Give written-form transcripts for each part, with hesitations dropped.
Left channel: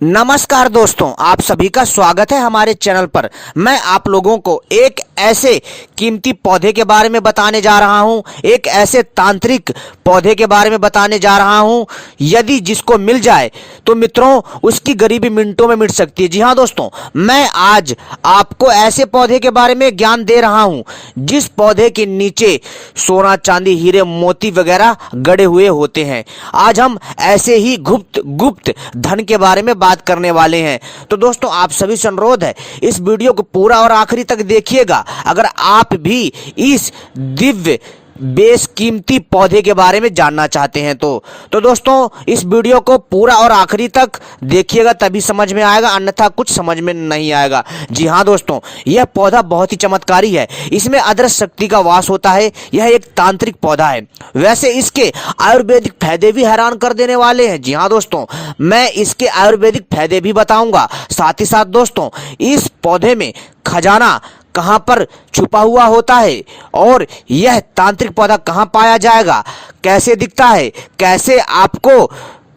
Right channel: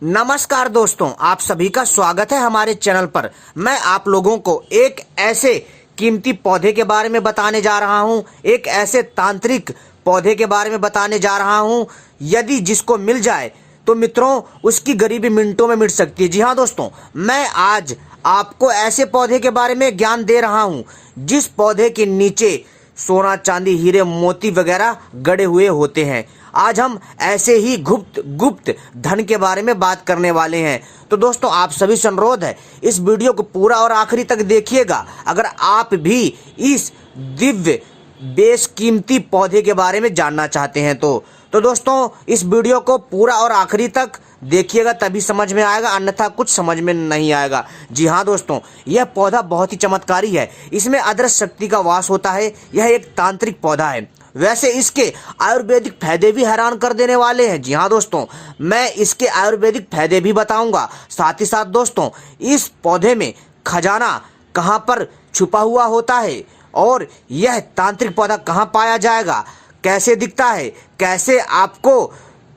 नमस्कार दोस्तों, आप सभी का स्वागत है हमारे चैनल पर। मैं आप लोगों को एक ऐसे कीमती पौधे के बारे में बताने जा रहा हूं, एक ऐसे तांत्रिक पौधे के बारे में बताने जा रहा हूं, यदि जिसको मिल जाए तो मित्रों उसकी गरीबी मिनटों में मिट सकती है। जी हां दोस्तों, मैं आज आपको ऐसे पौधे के बारे में ज्ञान दे रहा हूं जिस पौधे के नीचे सोना, चांदी, हीरे, मोती वगैरह गड़े हुए होते हैं। आज हम ऐसे ही गुप्त धन के बारे में बात करने वाले हैं। तो दोस्तों, आप सभी से अनुरोध है, इस वीडियो को पूरा और आखिरी तक देखिएगा। अगर आप भी इस दिव्य बेशकीमती पौधे के बारे में जानना चाहते हैं तो दोस्तों इस वीडियो को पूरा और आखिरी तक देखिएगा, तभी समझ में आएगा, अन्यथा कुछ समझ में नहीं आएगा। जी हाँ दोस्तों, यह पौधा बहुत ही चमत्कारी है। इसमें अदृश्य शक्ति का वास होता है। यह एक तांत्रिक पौधा है। वैसे इसके आयुर्वेदिक फायदे भी हैरान कर देने वाले हैं। जी हाँ दोस्तों, मैं इसके आयुर्वेदिक फायदे भी बताऊंगा। साथ ही साथ दोस्तों, इस पौधे में खजाना कहां पर छुपा हुआ होता है और यह तांत्रिक पौधा कहां पाया जाएगा, कैसे दिखता है, कैसे आपको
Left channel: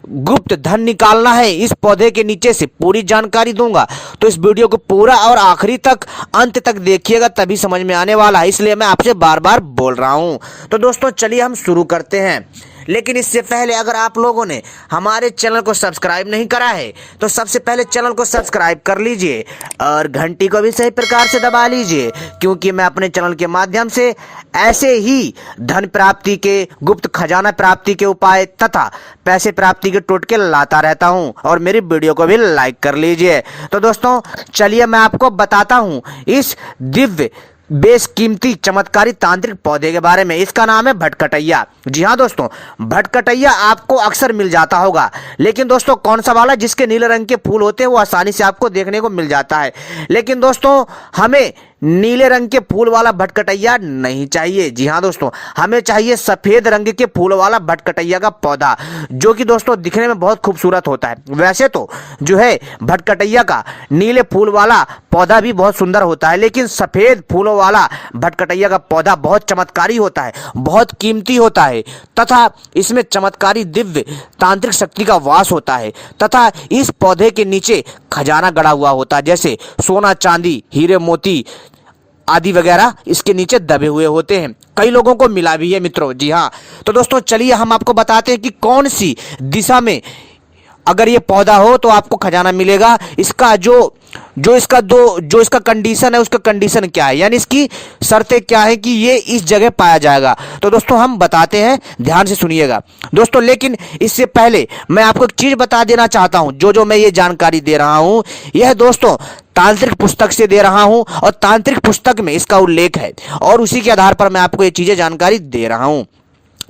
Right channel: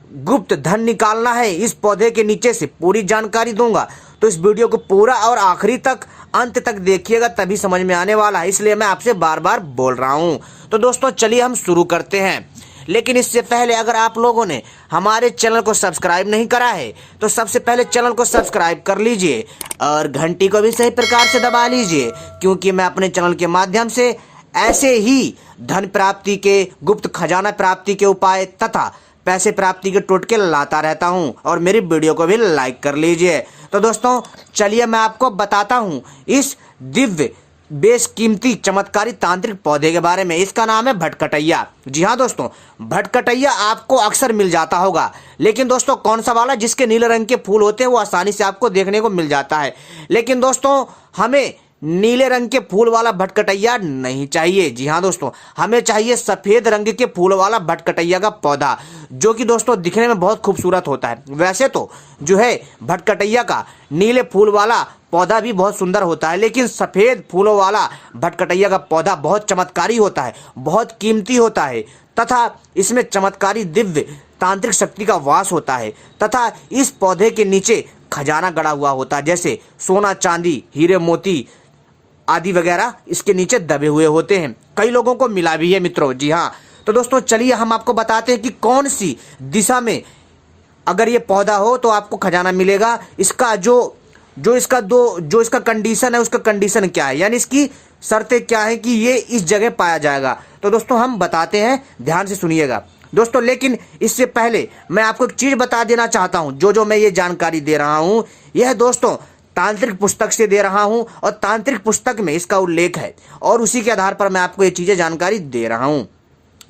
गुप्त धन निकालना है इस पौधे के नीचे से, पूरी जानकारी दूंगा। तो इस वीडियो को पूरा और आखिरी तक, अंत तक देखिएगा, तभी समझ में आने वाला है। इसलिए मैं आपसे बार बार बोल रहा हूं। तो दोस्तों चलिए हम शुरू करते हैं। लेकिन इससे पहले अगर आप लोगों ने हमारे चैनल को सब्सक्राइब नहीं करा है तो सबसे पहले चैनल को सब्सक्राइब कर लीजिए और घंटी को भी सही प्रकार से दबा लीजिए, क्योंकि मैं अपने चैनल के माध्यम से ऐसे ही धन प्राप्ति के, गुप्त खजाना प्राप्ति के उपाय तथा पैसे प्राप्ति के टोटके लाता रहता हूं। और मेरी वीडियो को भी लाइक कर लीजिए। तो दोस्तों चलिए मैं आपको बताता हूं इस दिव्य बेशकीमती चमत्कारी तांत्रिक पौधे के बारे में। इसका नाम है भटकटैया। जी हाँ दोस्तों, भटकटैया आपको अक्सर मिल जाता होगा, लेकिन दोस्तों कौन सा वाला जिसके नीले रंग के फूल होते हैं वो आसानी से आपको देखने को मिल जाता है। लेकिन दोस्तों हमें नीले रंग के फूल वाला भटकटैया नहीं चाहिए। जी हाँ दोस्तों, हमें चाहिए सफेद रंग के फूल वाला भटकटैया का पौधा, जो कि दोस्तों दिखने में बहुत खूबसूरत होता है। वैसे तो जो है भटकटैया का नीले फूल वाला पौधा भी बहुत सुंदर होता है, लेकिन सफेद फूलों वाला भटकटैया का पौधा बहुत चमत्कारी होता है, बहुत कीमती होता है तथा इसमें चमत्कारी दिव्य तांत्रिक शक्ति का वास होता है तथा इस पौधे के नीचे खजाना गड़ा हुआ होता है, जैसे सोना, चांदी, हीरे, मोती आदि वगैरह इसके नीचे दबे हुए होते हैं। कई लोगों को मिला भी है मित्रों। जी हाँ, तो दोस्तों चलिए हम आपको बताते हैं कि कौन सी दिशा में अगर ये पौधा हो तो आपको खजाना मिलेगा। इसका जो इसका कंडीशन है, उसका कंडीशन क्या है, यानी इसकी शर्तें क्या है कि ये इस जगह पाया जाएगा। तो दोस्तों हम बताते हैं, ध्यान से सुनिएगा दोस्तों। लेकिन इससे पहले मैं आपको एक चीज बता देना चाहता हूं। जो मैं ये जानकारी दे रहा हूं, यह दोस्तों तांत्रिक पुस्तक से दे रहा हूं और तांत्रिक पुस्तक में इसका उल्लेख है और उसी के आधार पर मैं आपको ये चीजें जानकारी दे रहा हूं।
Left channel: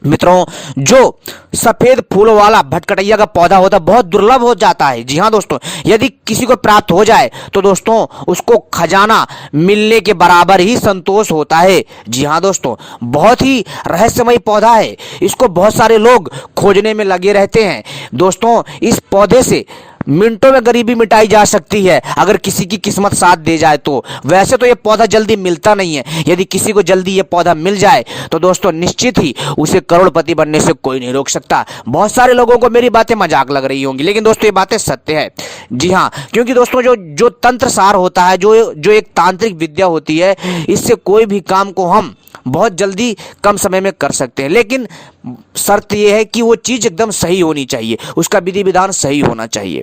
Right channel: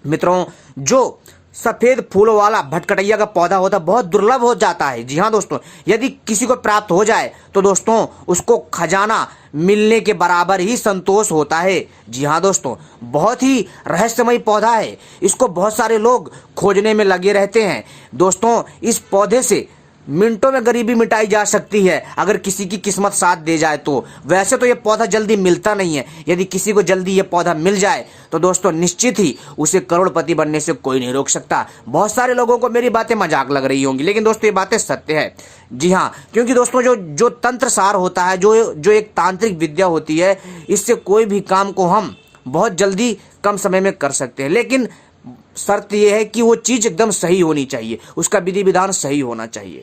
मित्रों, जो सफेद फूलों वाला भटकटैया का पौधा होता है बहुत दुर्लभ हो जाता है। जी हाँ दोस्तों, यदि किसी को प्राप्त हो जाए तो दोस्तों उसको खजाना मिलने के बराबर ही संतोष होता है। जी हाँ दोस्तों, बहुत ही रहस्यमय पौधा है। इसको बहुत सारे लोग खोजने में लगे रहते हैं। दोस्तों इस पौधे से मिनटों में गरीबी मिटाई जा सकती है अगर किसी की किस्मत साथ दे जाए तो। वैसे तो ये पौधा जल्दी मिलता नहीं है। यदि किसी को जल्दी ये पौधा मिल जाए तो दोस्तों निश्चित ही उसे करोड़पति बनने से कोई नहीं रोक सकता। बहुत सारे लोगों को मेरी बातें मजाक लग रही होंगी, लेकिन दोस्तों ये बातें सत्य है। जी हाँ, क्योंकि दोस्तों जो तंत्र सार होता है, जो एक तांत्रिक विद्या होती है, इससे कोई भी काम को हम बहुत जल्दी कम समय में कर सकते हैं। लेकिन शर्त यह है कि वो चीज एकदम सही होनी चाहिए, उसका विधि विधान सही होना चाहिए।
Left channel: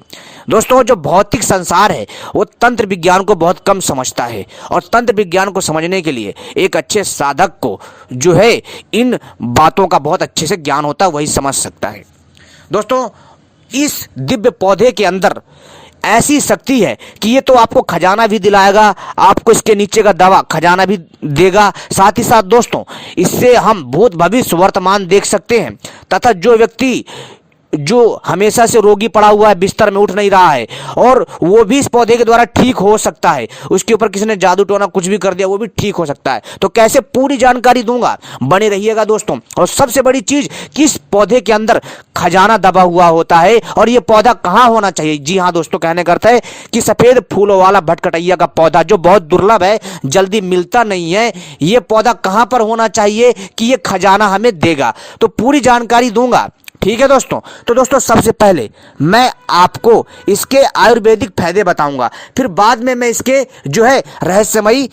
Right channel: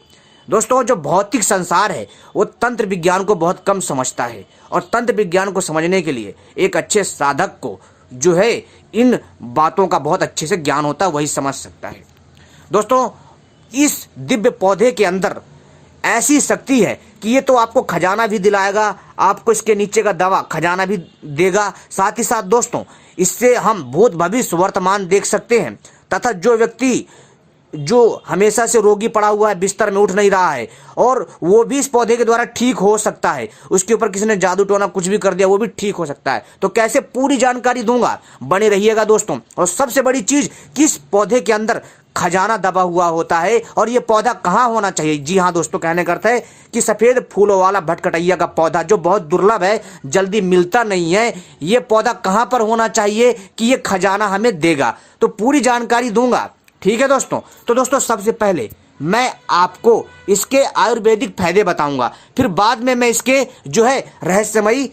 दोस्तों जो भौतिक संसार है वो तंत्र विज्ञान को बहुत कम समझता है और तंत्र विज्ञान को समझने के लिए एक अच्छे साधक को जो है इन बातों का बहुत अच्छे से ज्ञान होता है, वही समझ सकता है। दोस्तों इस दिव्य पौधे के अंदर ऐसी शक्ति है कि ये तो आपको खजाना भी दिलाएगा, आपको इसके नीचे का दवा खजाना भी देगा। साथ ही साथ दोस्तों इससे हम भूत भविष्य वर्तमान देख सकते हैं तथा जो व्यक्ति जो हमेशा से रोगी पड़ा हुआ है, बिस्तर में उठ नहीं रहा है, और वो भी इस पौधे के द्वारा ठीक हो सकता है। उसके ऊपर किसी ने जादू टोना कुछ भी कर दिया, वो भी ठीक हो सकता है। तो कैसे, पूरी जानकारी दूंगा, बने रहिएगा दोस्तों। और सबसे बड़ी चीज, किस पौधे के अंदर खजाना दबा हुआ होता है और ये पौधा कहां होना चाहिए। जी हाँ दोस्तों, कहने का अर्थ है कि सफेद फूलों वाला भटकटैया का पौधा जो बहुत दुर्लभ है, जल्दी मिलता नहीं है, ये पौधा कहां पर होना चाहिए कि ये खजाना हमें देगा। तो पूरी जानकारी दूंगा। ठीक है दोस्तों। तो दोस्तों सबसे पहले मैं आपको इसके आयुर्वेदिक फायदे बताऊंगा, फिर बाद में मैं इसके जो है रहस्यमयी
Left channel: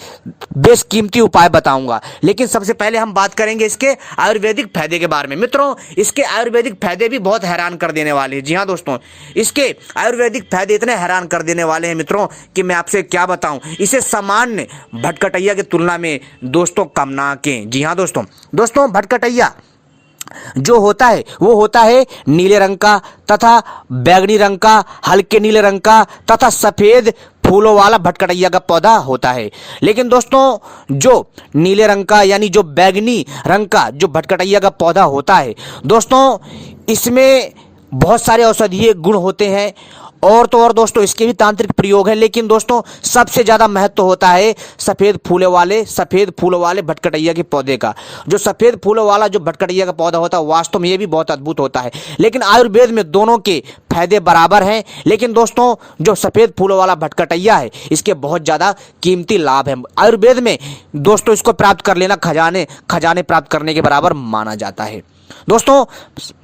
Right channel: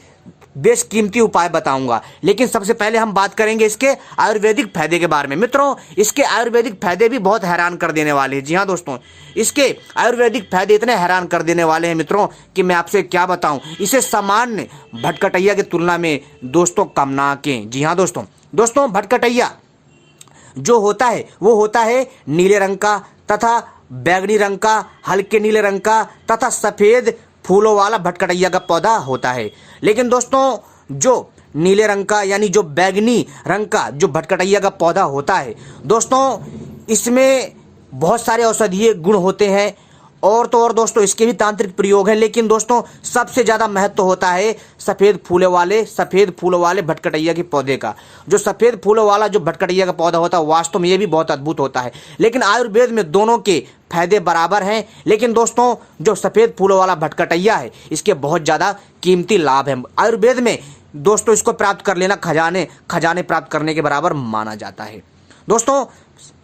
बेशकीमती उपाय बताऊंगा। लेकिन सबसे पहले हम बात करेंगे इसके आयुर्वेदिक फायदे के बारे में। मित्रों, इसके आयुर्वेदिक फायदे भी बहुत हैरान कर देने वाले हैं। जी हाँ दोस्तों, इसके आयुर्वेदिक फायदे इतने हैरान कर देने वाले हैं मित्रों कि मैं आपसे क्या बताऊं। इसे सामान्य भटकटैया की तुलना में दोस्तों कम ना आंकें। जी हाँ दोस्तों भटकटैया जो होता है वो होता है नीले रंग का तथा बैगनी रंग का, हल्के नीले रंग का तथा सफेद फूलों वाला भटकटैया का पौधा होता है। लेकिन दोस्तों जो नीले रंग का यानी जो बैगनी रंग का जो भटकटैया का पौधा होता है दोस्तों, इसमें बहुत सारे औषधीय गुण होते हैं और तो और दोस्तों इसके भी तांत्रिक प्रयोग हैं। लेकिन दोस्तों सबसे ज़्यादा महत्व होता है सफ़ेद फूलों वाले भटकटैया के पौधे का। जो सफ़ेद फूलों वाला जो भटकटैया का पौधा होता है वास्तव में ये भी बहुत अद्भुत होता है। लेकिन आयुर्वेद में दोनों के फायदे बराबर हैं। लेकिन दोस्तों जो सफ़ेद फूलों वाला भटकटैया है इसके बहुत ज़्यादा कीमती लाभ हैं। आयुर्वेद में दोस्तों इसको प्राप्त कर लेना खजाने प्राप्त करने के बराबर माना जाता है। दोस्तों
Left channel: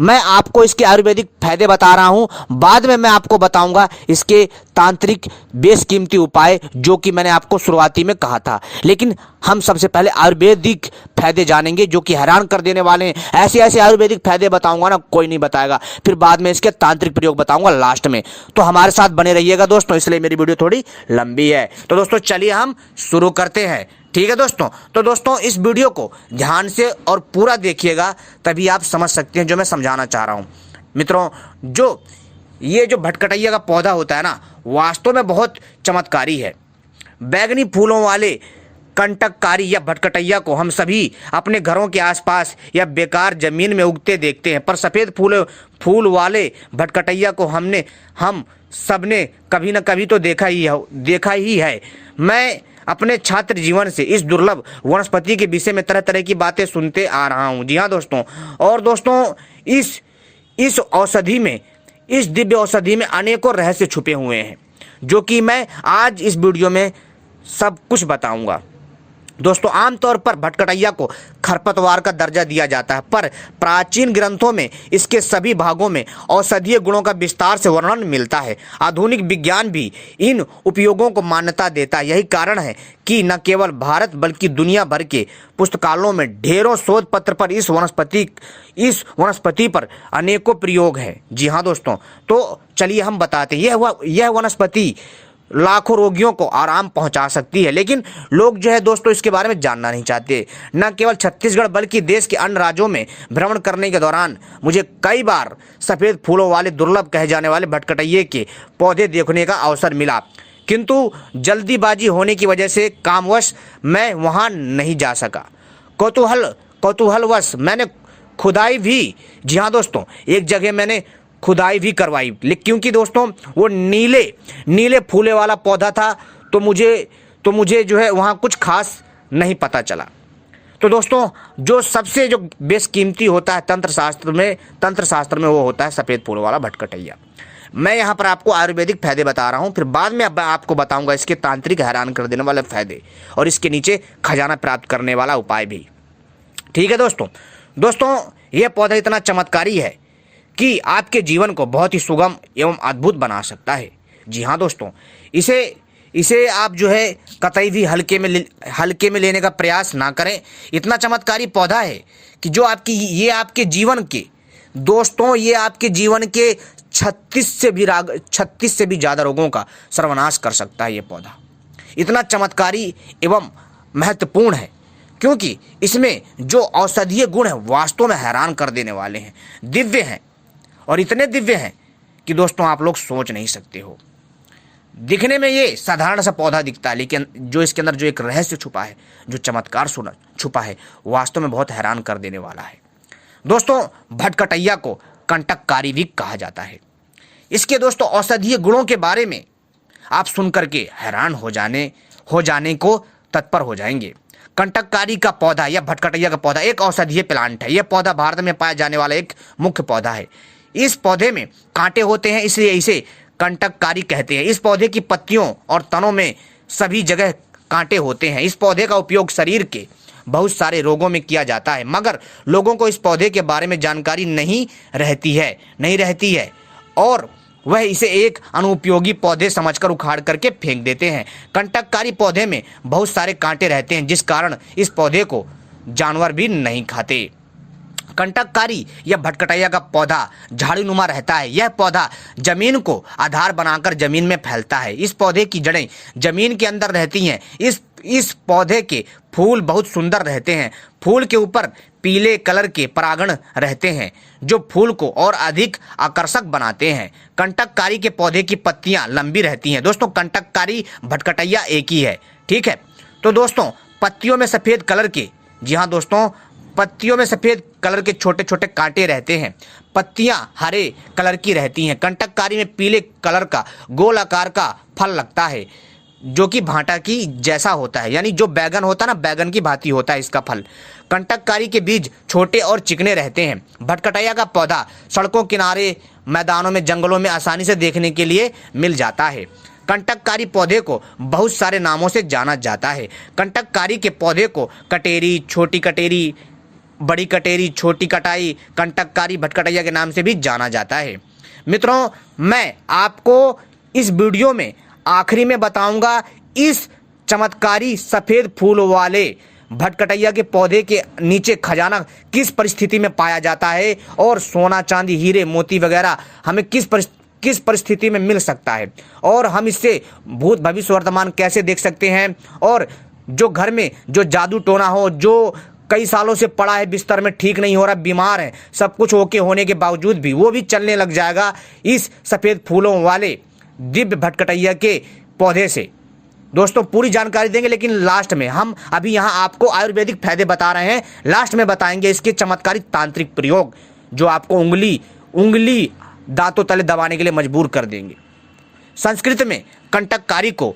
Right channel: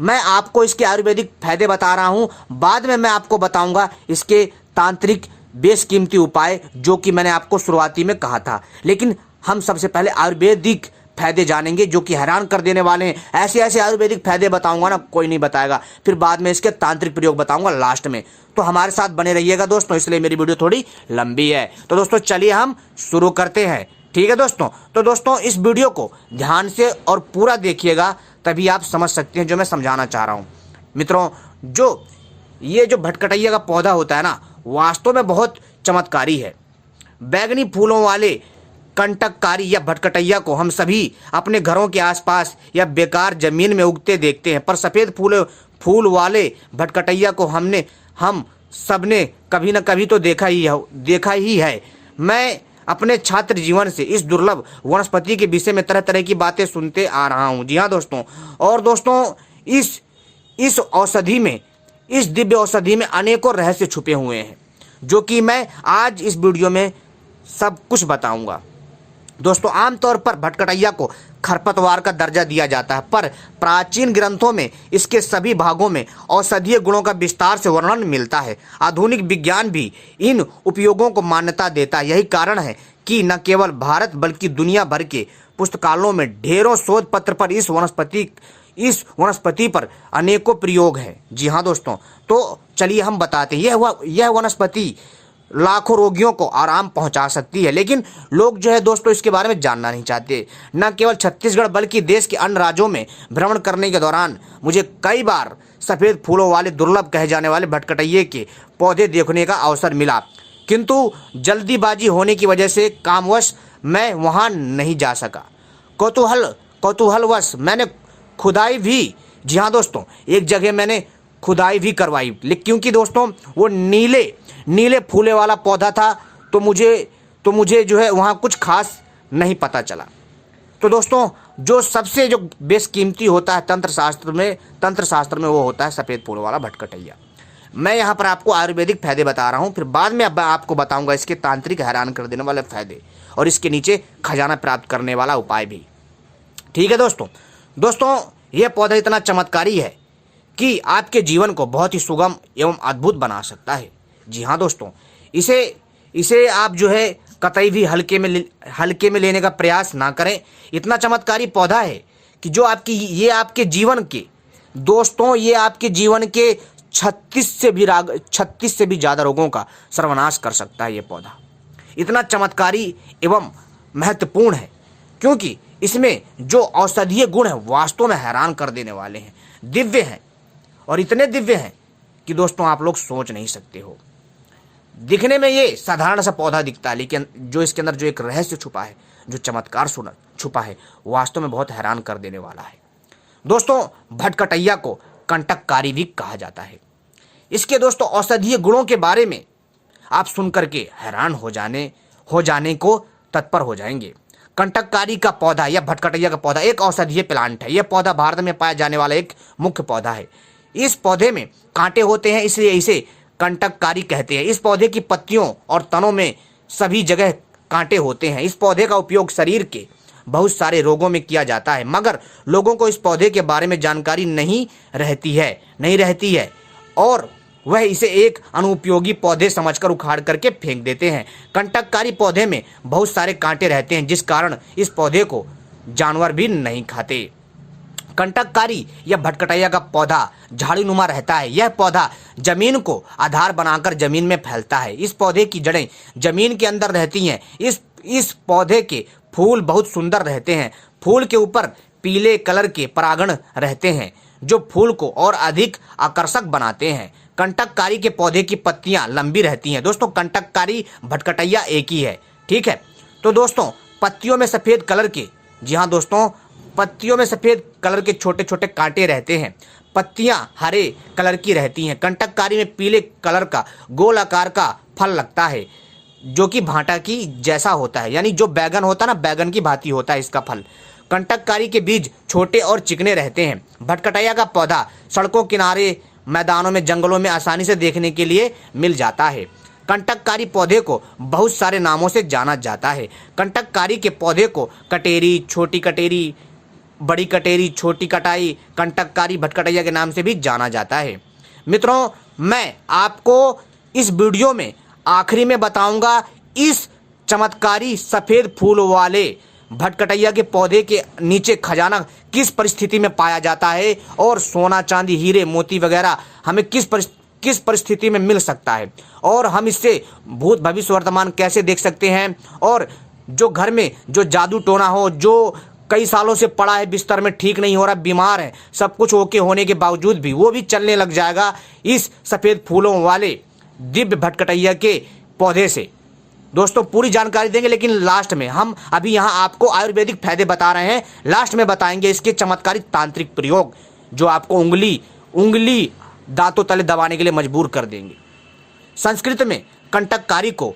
मैं आपको इसके आयुर्वेदिक फायदे बता रहा हूं, बाद में मैं आपको बताऊंगा इसके तांत्रिक बेशकीमती उपाय जो कि मैंने आपको शुरुआती में कहा था। लेकिन हम सबसे पहले आयुर्वेदिक फायदे जानेंगे जो कि हैरान कर देने वाले हैं। ऐसे ऐसे आयुर्वेदिक फायदे बताऊंगा ना कोई नहीं बताएगा। फिर बाद में इसके तांत्रिक प्रयोग बताऊंगा लास्ट में। तो हमारे साथ बने रहिएगा दोस्तों, इसलिए मेरी वीडियो थोड़ी लंबी है। तो दोस्तों चलिए हम शुरू करते हैं। ठीक है दोस्तों। तो दोस्तों इस वीडियो को ध्यान से और पूरा देखिएगा, तभी आप समझ सकते हैं जो मैं समझाना चाह रहा हूं। मित्रों ये जो भटकटैया का पौधा होता है ना वास्तव में बहुत चमत्कारी है। बैगनी फूलों वाले कंटककारी या भटकटैया को हम सभी अपने घरों के आसपास या बेकार जमीन में उगते देखते हैं, पर सफ़ेद फूल वाले भटकटैया को हम सबने कभी ना कभी तो देखा ही है। मैं अपने छात्र जीवन से इस दुर्लभ वनस्पति के विषय में तरह तरह की बातें सुनते आ रहा हूं। जी हाँ दोस्तों। और दोस्तों इस दिव्य औषधि में अनेकों रहस्य छुपे हुए हैं जो कि मैं आज इस वीडियो में सब कुछ बताऊंगा। दोस्तों आमतौर पर भटकटैया को खरपतवार का दर्जा दिया जाता है, पर प्राचीन ग्रंथों में इसके सभी भागों में औषधीय गुणों का विस्तार से वर्णन मिलता है। आधुनिक विज्ञान भी इन उपयोगों को मान्यता देता है। यही कारण है कि न केवल भारत बल्कि दुनिया भर के पुस्तकालयों में ढेरों शोध पत्र पर इस वनस्पति पर अनेकों प्रयोग हैं। जी हाँ दोस्तों। तो चलिए हम बताते हैं। यह वनस्पति लाखों रोगियों को आराम पहुंचा सकती है, लेकिन लोग जो है दोस्तों इसके बारे में जानना नहीं चाहते। न केवल छत्तीसगढ़ बल्कि देश के अन्य राज्यों में भ्रमण करने के दौरान मुझे कई बार सफ़ेद फूलों वाले दुर्लभ कहे जाने वाले भटकटैये के पौधे देखने का अवसर मिला, किंतु जल्दीबाजी होने की वजह से कामवश मैं वहां नहीं जा सका। कौतूहलवश मैंने खुदाई भी, जी हाँ दोस्तों, एक जगह मैंने खुदाई भी करवाई, क्योंकि दोस्तों वो नीले फूले वाला पौधा था, तो मुझे जो है वहाँ कुछ खास नहीं पता चला। तो दोस्तों जो सबसे जो बेशकीमती होता है तंत्र शास्त्र में वो होता है सफ़ेद फूलों वाला भटकटैया। मैं यहाँ पर आपको आयुर्वेदिक फायदे बता रहा हूँ, फिर बाद में आपको बताऊँगा इसके तांत्रिक हैरान कर देने वाले फायदे और इसके नीचे खजाना प्राप्त करने वाला उपाय भी। ठीक है दोस्तों यह पौधा इतना चमत्कारी है कि आपके जीवन को बहुत ही सुगम एवं अद्भुत बना सकता है। जी हाँ दोस्तों, इसे आप जो है कतई भी हल्के में लेने का प्रयास ना करें। इतना चमत्कारी पौधा है कि जो ये आपके जीवन के 36 से भी ज़्यादा रोगों का सर्वनाश कर सकता है। ये पौधा इतना चमत्कारी एवं महत्वपूर्ण है क्योंकि इसमें जो औषधीय गुण है वास्तव में हैरान कर देने वाले हैं, दिव्य हैं और इतने दिव्य हैं कि दोस्तों आप लोग सोच नहीं सकते हो। दिखने में ये साधारण सा पौधा दिखता है, लेकिन जो इसके अंदर जो एक रहस्य छुपा है, जो चमत्कार छुपा है, वास्तव में बहुत हैरान कर देने वाला है। दोस्तों भटकटैया को कंटककारी भी कहा जाता है। इसके दोस्तों औषधीय गुणों के बारे में आप सुन करके हैरान हो जाने को तत्पर हो जाएंगे। कंटककारी का पौधा या भटकटैया का पौधा एक औषधीय प्लांट है। यह पौधा भारत में पाया जाने वाला एक मुख्य पौधा है। इस पौधे में कांटे होते हैं, इसलिए इसे कंटककारी कहते हैं। इस पौधे की पत्तियों और तनों में सभी जगह कांटे होते हैं। इस पौधे का उपयोग शरीर के बहुत सारे रोगों में किया जाता है, मगर लोगों को इस पौधे के बारे में जानकारी नहीं रहती है और वह इसे एक अनुपयोगी पौधे समझकर उखाड़ करके फेंक देते हैं। कंटककारी पौधे में बहुत सारे कांटे रहते हैं, जिस कारण इस पौधे को जानवर भी नहीं खाते। कंटककारी या भटकटैया का पौधा झाड़ीनुमा रहता है। यह पौधा जमीन को आधार बनाकर जमीन में फैलता है। इस पौधे की जड़ें जमीन के अंदर रहती हैं। इस पौधे के फूल बहुत सुंदर रहते हैं। फूल के ऊपर पीले कलर के परागण रहते हैं, जो फूल को और अधिक आकर्षक बनाते हैं। कंटककारी के पौधे की पत्तियां लंबी रहती हैं। दोस्तों, कंटककारी भटकटैया एक ही है, ठीक है। तो दोस्तों, पत्तियों में सफ़ेद कलर के, जी हाँ दोस्तों, पत्तियों में सफ़ेद कलर के छोटे छोटे कांटे रहते हैं। पत्तियां हरे कलर की रहती हैं। कंटककारी में पीले कलर का गोल आकार का फल लगता है, जो कि भांटा की जैसा होता है, यानी जो बैगन होता है ना, बैगन की भांति होता है इसका फल। कंटककारी के बीज छोटे और चिकने रहते हैं। भटकटैया का पौधा सड़कों किनारे, मैदानों में, जंगलों में आसानी से देखने के लिए मिल जाता है। कंटककारी पौधे को बहुत सारे नामों से जाना जाता है। कंटककारी के पौधे को कटेरी, छोटी कटेरी, बड़ी कटेरी, छोटी कटाई, कंटककारी भटकटैया के नाम से भी जाना जाता है। मित्रों, मैं आपको इस वीडियो में आखिरी में बताऊंगा इस चमत्कारी सफ़ेद फूल वाले भटकटैया के पौधे के नीचे खजाना किस परिस्थिति में पाया जाता है और सोना, चांदी, हीरे, मोती वगैरह हमें किस परिस्थिति में मिल सकता है, और हम इससे भूत, भविष्य, वर्तमान कैसे देख सकते हैं। और जो घर में जो जादू टोना हो, जो कई सालों से पड़ा है बिस्तर में, ठीक नहीं हो रहा, बीमार है, सब कुछ ओके होने के बावजूद भी वो भी चलने लग जाएगा इस सफ़ेद फूलों वाले दिव्य भटकटैया के पौधे से। दोस्तों, पूरी जानकारी देंगे, लेकिन लास्ट में हम अभी यहाँ आपको आयुर्वेदिक फायदे बता रहे हैं। लास्ट में बताएंगे इसके चमत्कारी तांत्रिक प्रयोग, जो आपको उंगली दांतों तले दबाने के लिए मजबूर कर देंगे। संस्कृत में कंटककारी को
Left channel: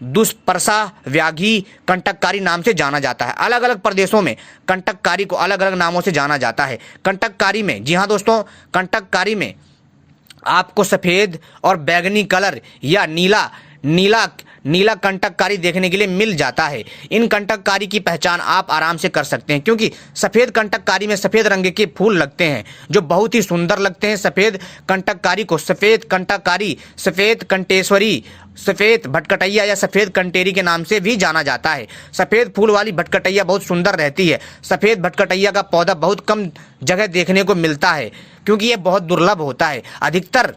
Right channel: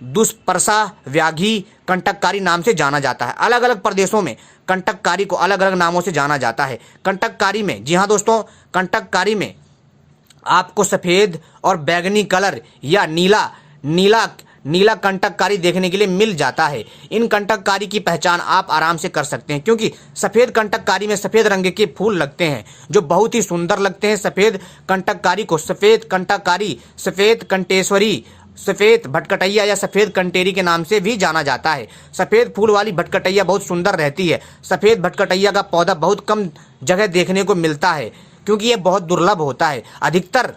दुष्पर्शा व्याघ्री कंटककारी नाम से जाना जाता है। अलग अलग प्रदेशों में कंटककारी को अलग अलग नामों से जाना जाता है। कंटककारी में, जी हाँ दोस्तों, कंटककारी में आपको सफ़ेद और बैगनी कलर या नीला कंटककारी देखने के लिए मिल जाता है। इन कंटककारी की पहचान आप आराम से कर सकते हैं, क्योंकि सफ़ेद कंटककारी में सफ़ेद रंग के फूल लगते हैं, जो बहुत ही सुंदर लगते हैं। सफ़ेद कंटककारी को सफ़ेद कंटककारी, सफ़ेद कंटेश्वरी, सफ़ेद भटकटैया या सफ़ेद कंटेरी के नाम से भी जाना जाता है। सफ़ेद फूल वाली भटकटैया बहुत सुंदर रहती है। सफ़ेद भटकटैया का पौधा बहुत कम जगह देखने को मिलता है, क्योंकि यह बहुत दुर्लभ होता है। अधिकतर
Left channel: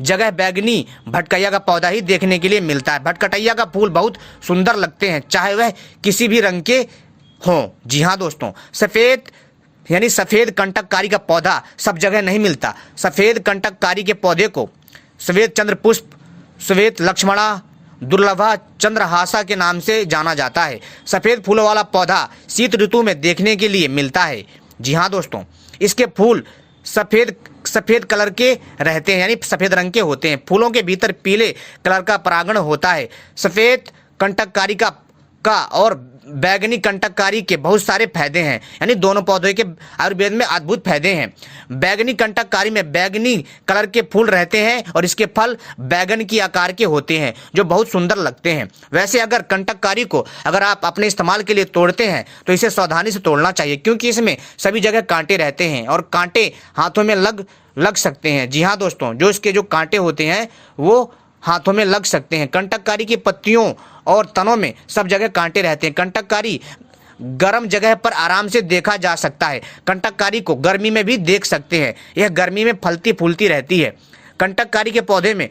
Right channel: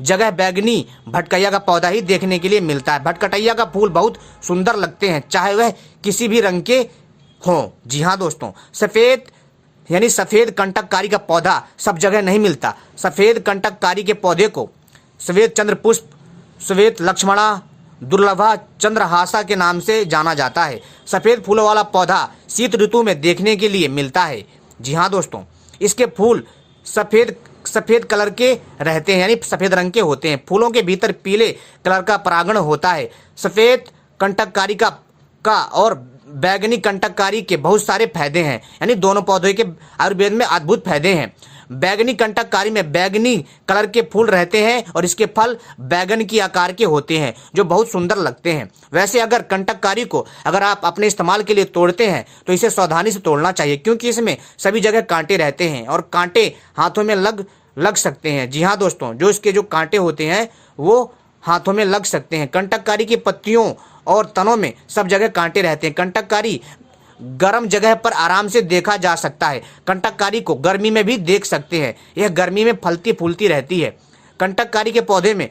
जगह बैगनी भटकैया का पौधा ही देखने के लिए मिलता है। भटकटैया का फूल बहुत सुंदर लगते हैं, चाहे वह किसी भी रंग के हों। जी हाँ दोस्तों, सफ़ेद कंटककारी का पौधा सब जगह नहीं मिलता। सफ़ेद कंटककारी के पौधे को श्वेत चंद्रपुष्प, श्वेत लक्ष्मणा, दुर्लभा चंद्रहासा के नाम से जाना जाता है। सफ़ेद फूलों वाला पौधा शीत ऋतु में देखने के लिए मिलता है। जी हाँ दोस्तों, इसके फूल सफ़ेद कलर के रहते हैं, यानी सफ़ेद रंग के होते हैं। फूलों के भीतर पीले कलर का परागण होता है। सफ़ेद कंटककारी का और बैगनी कंटककारी के बहुत सारे फायदे हैं, यानी दोनों पौधों के आयुर्वेद में अद्भुत फायदे हैं। बैगनी कंटककारी में बैगनी कलर के फूल रहते हैं और इसके फल बैगन की आकार के होते हैं, जो बहुत सुंदर लगते हैं। वैसे अगर कंटककारी को अगर आप अपने इस्तेमाल के लिए तोड़ते हैं तो इसे सावधानी से तोड़ना चाहिए, क्योंकि इसमें सभी जगह कांटे रहते हैं और कांटे हाथों में लग सकते हैं। जी हाँ दोस्तों, जो इसके जो कांटे होते हैं वो हाथों में लग सकते हैं। कंटककारी की पत्तियों और तनों में सब जगह कांटे रहते हैं। कंटककारी गर्म जगह पर आराम से देखा जा सकता है। कंटककारी को गर्मी में भी देख सकते हैं, यह गर्मी में फलती फूलती रहती है। कंटककारी के पौधे में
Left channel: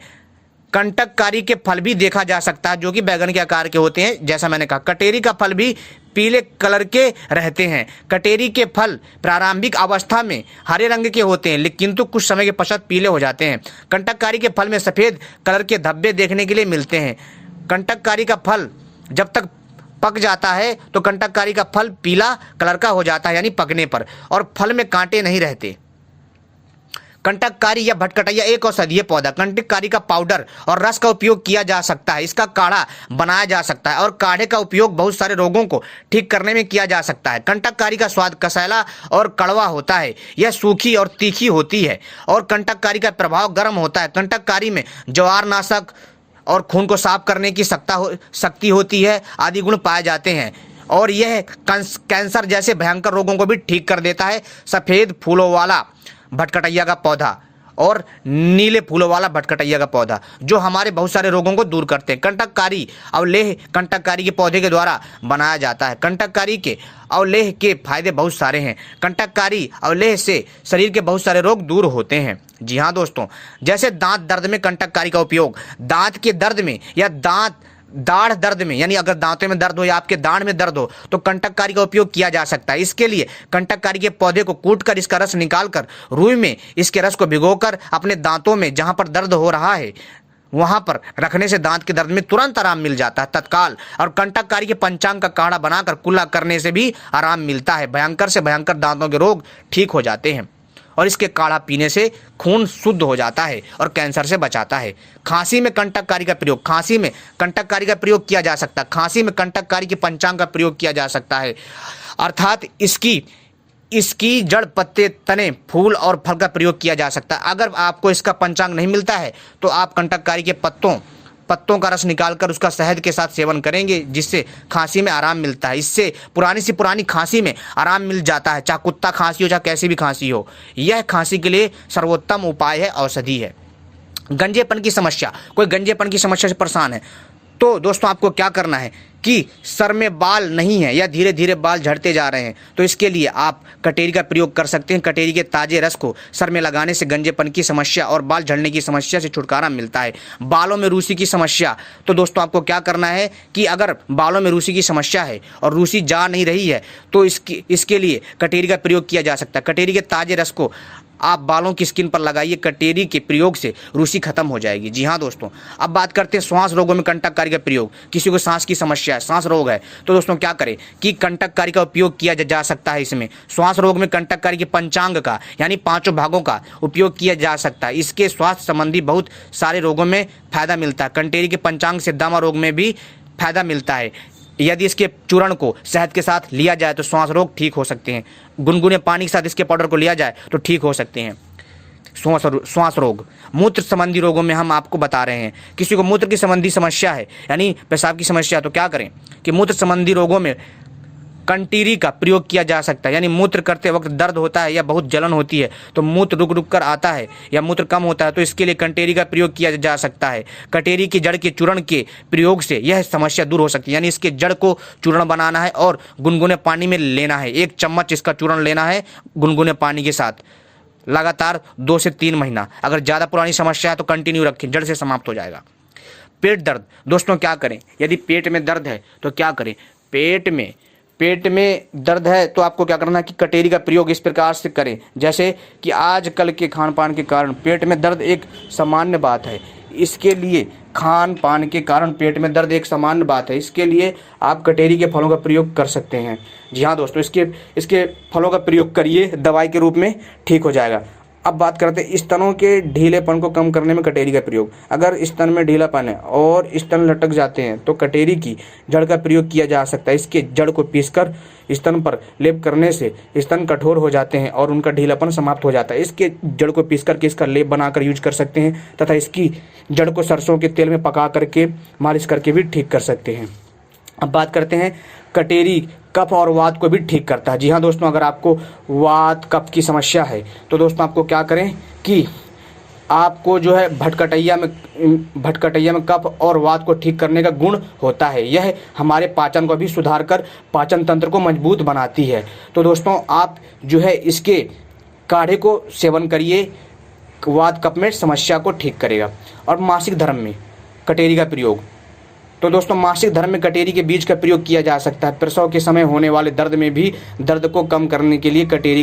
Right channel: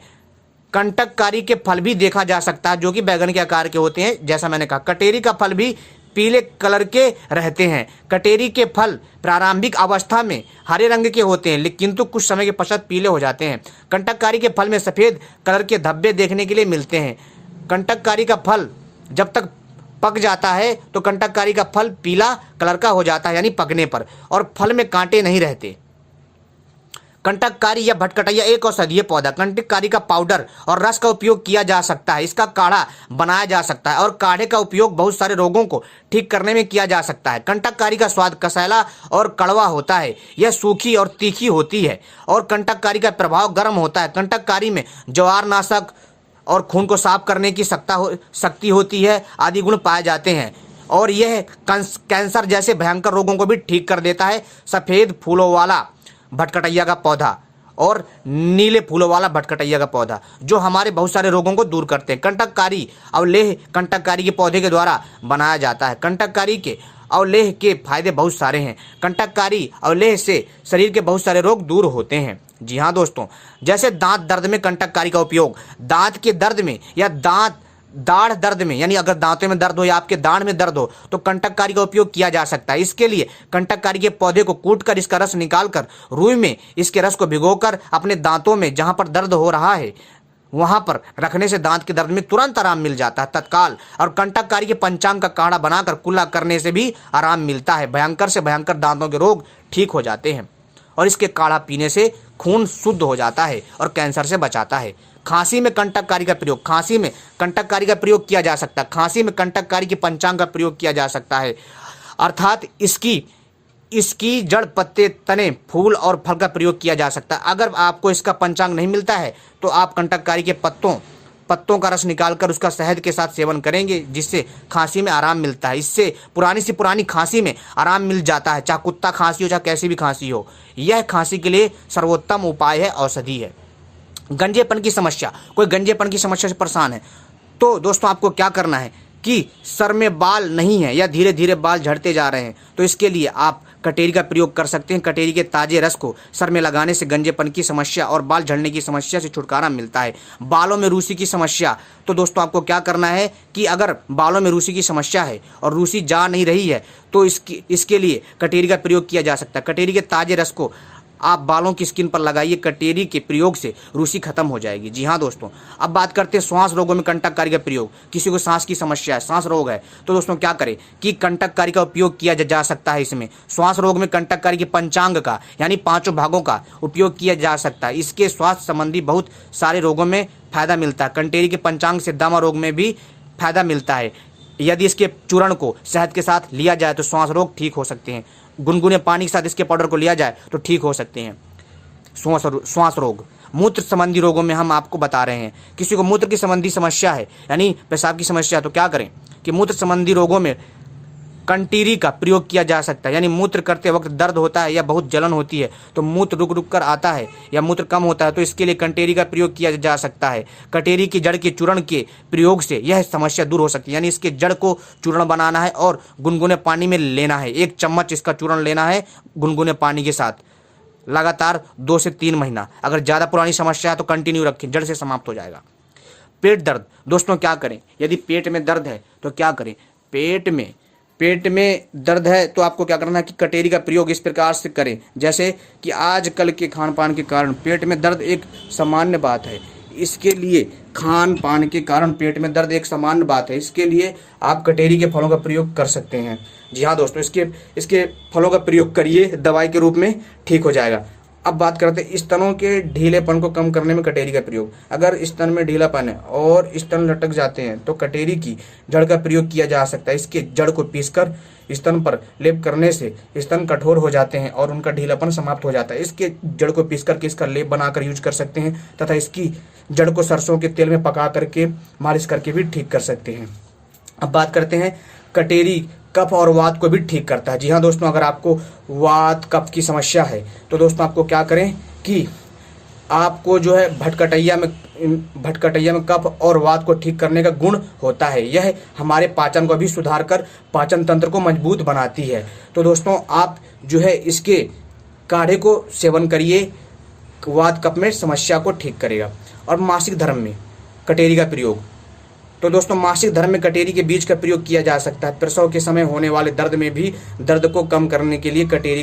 कंटककारी के फल भी देखा जा सकता है, जो कि बैगन के आकार के होते हैं। जैसा मैंने कहा, कटेरी का फल भी पीले कलर के रहते हैं। कटेरी के फल प्रारंभिक अवस्था में हरे रंग के होते हैं, किंतु कुछ समय के पश्चात पीले हो जाते हैं। कंटककारी के फल में सफ़ेद कलर के धब्बे देखने के लिए मिलते हैं। कंटककारी का फल जब तक पक जाता है तो कंटककारी का फल पीला कलर का हो जाता है, यानी पकने पर, और फल में कांटे नहीं रहते। कंटककारी या भटकटैया एक औषधीय पौधा। कंटककारी का पाउडर और रस का उपयोग किया जा सकता है। इसका काढ़ा बनाया जा सकता है और काढ़े का उपयोग बहुत सारे रोगों को ठीक करने में किया जा सकता है। कंटककारी का स्वाद कसैला और कड़वा होता है। यह सूखी और तीखी होती है और कंटककारी का प्रभाव गर्म होता है। कंटककारी में जवारनाशक और खून को साफ करने की शक्ति होती है आदि गुण पाए जाते हैं। और यह कैंसर जैसे भयंकर रोगों को भी ठीक कर देता है। सफ़ेद फूलों वाला भटकटैया का पौधा और नीले फूलों वाला भटकटैया का पौधा जो हमारे बहुत सारे रोगों को दूर करते हैं। कंटककारी अवलेह कंटककारी के पौधे के द्वारा बनाया जाता है। कंटककारी के अवलेह के फायदे बहुत सारे हैं। कंटककारी अवलेह से शरीर के बहुत सारे रोग दूर होते हैं। जी हाँ दोस्तों, जैसे दांत दर्द में कंटककारी का उपयोग, दांत के दर्द में या दाढ़ दर्द में, यानी अगर दांतों में दर्द हो या आपके दाढ़ में दर्द हो तो कंटककारी का उपयोग किया जा सकता है। इसके लिए कंटककारी के पौधे को कूटकर इसका रस निकालकर रुई में इसके रस को भिगोकर अपने दांतों में जहां पर दर्द हो रहा है वहां पर रखने से दांत के दर्द में तुरंत आराम मिल जाता है तत्काल। और कंटककारी के पंचांग का काढ़ा बनाकर कुल्ला करने से भी आराम मिलता है। भयंकर से भयंकर दांतों के रोग ठीक हो जाते हैं और इसके काढ़ा पीने से खून शुद्ध हो जाता है और कैंसर से बचाता है। खांसी में कंटककारी का प्रयोग, खांसी में कंटककारी का प्रयोग किया जा सकता है। खांसी में कंटककारी के पंचांग का प्रयोग किया जा सकता है, अर्थात इसकी जड़, पत्ते, तने, फूल और फल का प्रयोग किया जा सकता है। अगर आपको इसका पंचांग नहीं मिलता है तो आप कंटककारी के पत्तों का रस निकालकर उसका शहद के साथ सेवन करेंगे, जिससे खांसी में आराम मिलता है। इससे पुरानी सी पुरानी खांसी में आराम मिल जाता है, चाहे कुत्ता खांसी हो चाहे कैसी भी खांसी हो। यह खांसी के लिए सर्वोत्तम उपाय है, औषधि है। गंजेपन की समस्या, कोई गंजेपन की समस्या से परेशान है तो दोस्तों आपको क्या करना है कि सर में बाल नहीं है या धीरे धीरे बाल झड़ते जा रहे हैं तो इसके लिए आप कटेरी का प्रयोग कर सकते हैं। कटेरी के ताजे रस को सर में लगाने से गंजेपन की समस्या और बाल झड़ने की समस्या से छुटकारा मिलता है। बालों में रूसी की समस्या, तो दोस्तों आपको क्या करना है कि अगर बालों में रूसी की समस्या है और रूसी जा नहीं रही है तो इसके लिए कटेरी का प्रयोग किया जा सकता है। कटेरी के ताजे रस को आप बालों की स्किन पर लगाइए, कटेरी के प्रयोग से रूसी खत्म हो जाएगी। जी हाँ दोस्तों, अब बात करते हैं श्वास रोगों में कंटककारी का प्रयोग। किसी को सांस की समस्या है, सांस रोग है, तो दोस्तों क्या करें कि कंटककारी का उपयोग किया जा सकता है। इसमें श्वास रोग में कंटककारी के पंचांग का यानी 5 भागों का उपयोग किया जा सकता है। इसके स्वास्थ्य संबंधी बहुत सारे रोगों में फायदा मिलता है। कटेरी के पंचांग से दमा रोग में भी फायदा मिलता है। यदि इसके चूर्ण को शहद के साथ लिया जाए तो श्वास रोग ठीक हो सकते हैं। गुनगुने पानी के साथ इसके पाउडर को लिया जाए तो ठीक हो सकते हैं श्वास रोग। मूत्र संबंधी रोगों में हम आपको बता रहे हैं, किसी को मूत्र की संबंधी समस्या है यानी पेशाब की समस्या, तो क्या करें कि मूत्र संबंधी रोगों में कंटीरी का प्रयोग किया जा सकता है। यानी मूत्र करते वक्त दर्द होता है या बहुत जलन होती है तो मूत्र रुक रुक कर आता है या मूत्र कम होता है तो इसके लिए कंटेरी का प्रयोग किया जा सकता है। कटेरी की जड़ के चूर्ण के प्रयोग से यह समस्या दूर हो सकती है। यानी इसके जड़ को चूर्ण बनाना है और गुनगुने पानी में लेना है। 1 चम्मच इसका चूर्ण लेना है गुनगुने पानी के साथ, लगातार 2 से 3 महीना। अगर ज़्यादा पुरानी समस्या है तो कंटिन्यू रखें, जड़ से समाप्त हो जाएगा। पेट दर्द, दोस्तों क्या करें यदि पेट में दर्द है तो क्या करें। पेट में दर्द है तो आपको क्या करना है कि कटेरी का प्रयोग इस प्रकार से करें, जैसे कि आजकल के खान पान के कारण पेट में दर्द एक सामान्य बात है। इसके लिए खान पान के कारण पेट में दर्द एक सामान्य बात है, इसके लिए आप कटेरी के फलों का प्रयोग कर सकते हैं। जी हाँ दोस्तों, इसके फलों का प्रयोग करिए, दवाई के रूप में ठीक हो जाएगा। अब बात करते हैं स्तनों के ढीलेपन को कम करने में कटेरी का प्रयोग। अगर स्तन में ढीलापन है और स्तन लटक जाते हैं तो कटेरी की जड़ का प्रयोग किया जा सकता है। इसके जड़ को पीसकर स्तन पर लेप करने से स्तन कठोर हो जाते हैं और उनका ढीलापन समाप्त हो जाता है। इसके जड़ को पीस करके इसका लेप बनाकर यूज कर सकते हैं तथा इसकी जड़ को सरसों के तेल में पका करके मालिश करके भी ठीक कर सकते हैं। अब बात करते हैं कटेरी कफ और वात को भी ठीक करता है। जी हाँ दोस्तों, अगर आपको वात कफ की समस्या है तो दोस्तों आपको क्या करें कि आपको जो है भटकटैया में कफ और वात को ठीक करने का गुण होता है। यह हमारे पाचन को भी सुधार कर पाचन तंत्र को मजबूत बनाती है। तो दोस्तों आप जो है इसके काढ़े को सेवन करिए, वात कफ में समस्या को ठीक करेगा। और मासिक धर्म में कटेरी का प्रयोग, तो दोस्तों मासिक धर्म में कटेरी के बीज का प्रयोग किया जा सकता है। प्रसव के समय होने वाले दर्द में भी दर्द को कम करने के लिए कटेरी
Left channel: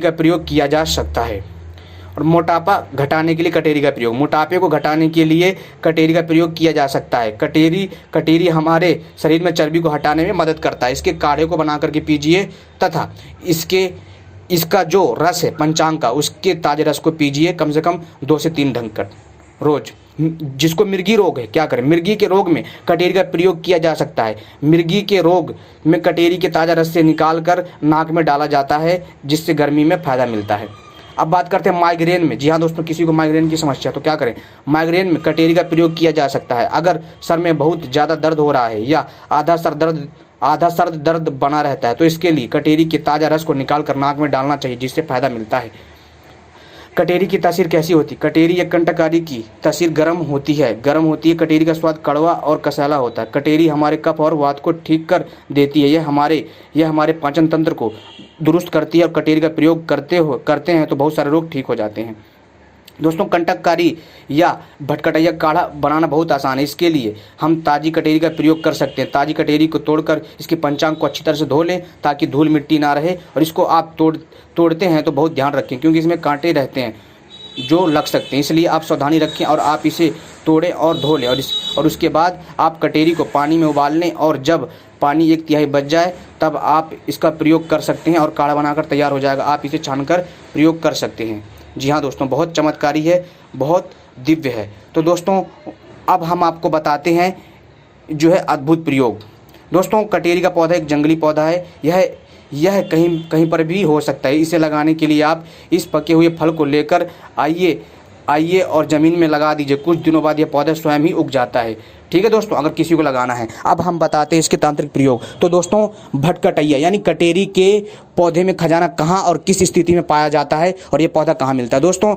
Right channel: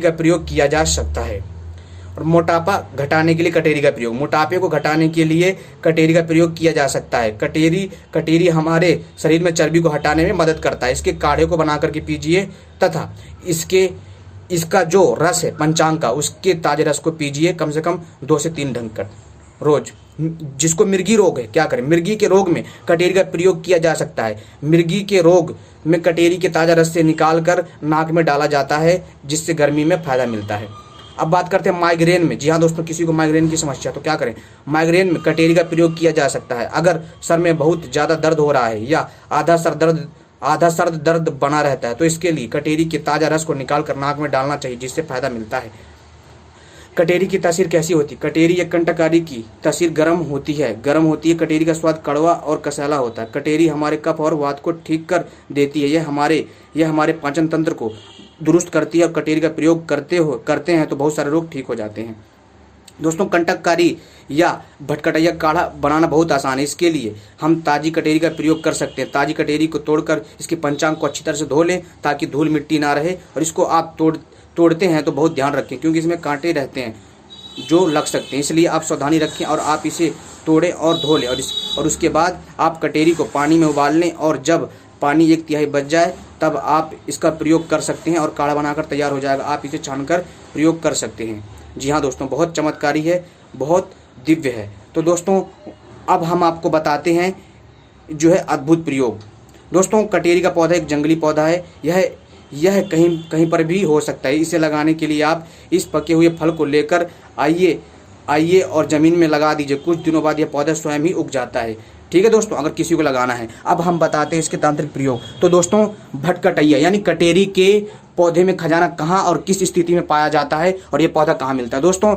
का प्रयोग किया जा सकता है। और मोटापा घटाने के लिए कटेरी का प्रयोग, मोटापे को घटाने के लिए कटेरी का प्रयोग किया जा सकता है। कटेरी हमारे शरीर में चर्बी को हटाने में मदद करता है। इसके काढ़े को बना करके पीजिए तथा इसका जो रस है पंचांग का, उसके ताजे रस को पीजिए कम से कम 2 से 3 ढंग रोज। जिसको मिर्गी रोग है क्या करें, मिर्गी के रोग में कटेरी का प्रयोग किया जा सकता है। मिर्गी के रोग में कटेरी के ताज़ा रस से निकाल कर नाक में डाला जाता है, जिससे गर्मी में फायदा मिलता है। अब बात करते हैं माइग्रेन में। जी हाँ दोस्तों, किसी को माइग्रेन की समस्या तो क्या करें, माइग्रेन में कटेरी का प्रयोग किया जा सकता है। अगर सर में बहुत ज़्यादा दर्द हो रहा है या आधा सर दर्द आधा सर दर्द बना रहता है, तो इसके लिए कटेरी के ताज़ा रस को निकाल कर नाक में डालना चाहिए, जिससे फायदा मिलता है। कटेरी की तासीर कैसी होती है? कटेरी या कंटकारी की तासीर गर्म होती है। कटेरी का स्वाद कड़वा और कसैला होता है। कटेरी हमारे कफ और वात को ठीक कर देती है। यह हमारे पाचन तंत्र को दुरुस्त करती है, और कटेरी का प्रयोग करते हैं तो बहुत सारे रोग ठीक हो जाते हैं। दोस्तों, कंटककारी या भटकटैया काढ़ा बनाना बहुत आसान है। इसके लिए हम ताज़ी कटेरी का प्रयोग कर सकते हैं। ताज़ी कटेरी को तोड़कर इसके पंचांग को अच्छी तरह से धो लें, ताकि धूल मिट्टी ना रहे। और इसको आप तोड़ते हैं तो बहुत ध्यान रखें, क्योंकि इसमें कांटे रहते हैं जो लग सकते हैं, इसलिए आप सावधानी रखें और आप इसे तोड़ें और धो लें। और उसके बाद आप कटेरी को पानी में उबाल लें, और जब पानी 1/3 बच जाए तब आप इसका प्रयोग कर सकते हैं और काढ़ा बनाकर तैयार हो जाएगा। आप इसे छानकर प्रयोग कर सकते हैं। जी हाँ दोस्तों, बहुत चमत्कारी है, बहुत दिव्य है। तो दोस्तों, अब हम आपको बताते हैं जो है अद्भुत प्रयोग। दोस्तों, कटेरी का पौधा एक जंगली पौधा है। यह कहीं पर भी हो सकता है। इसे लगाने के लिए आप इस पके हुए फल को लेकर आइए और ज़मीन में लगा दीजिए। कुछ दिनों बाद यह पौधा स्वयं ही उग जाता है। ठीक है दोस्तों, अगर किसी को लगाना है। अब हम बताते हैं इसके तांत्रिक प्रयोग। तो दोस्तों, भटकटैया यानी कटेरी के पौधे में खजाना कहाँ और किस स्थिति में पाया जाता है, और ये पौधा कहाँ मिलता है? दोस्तों,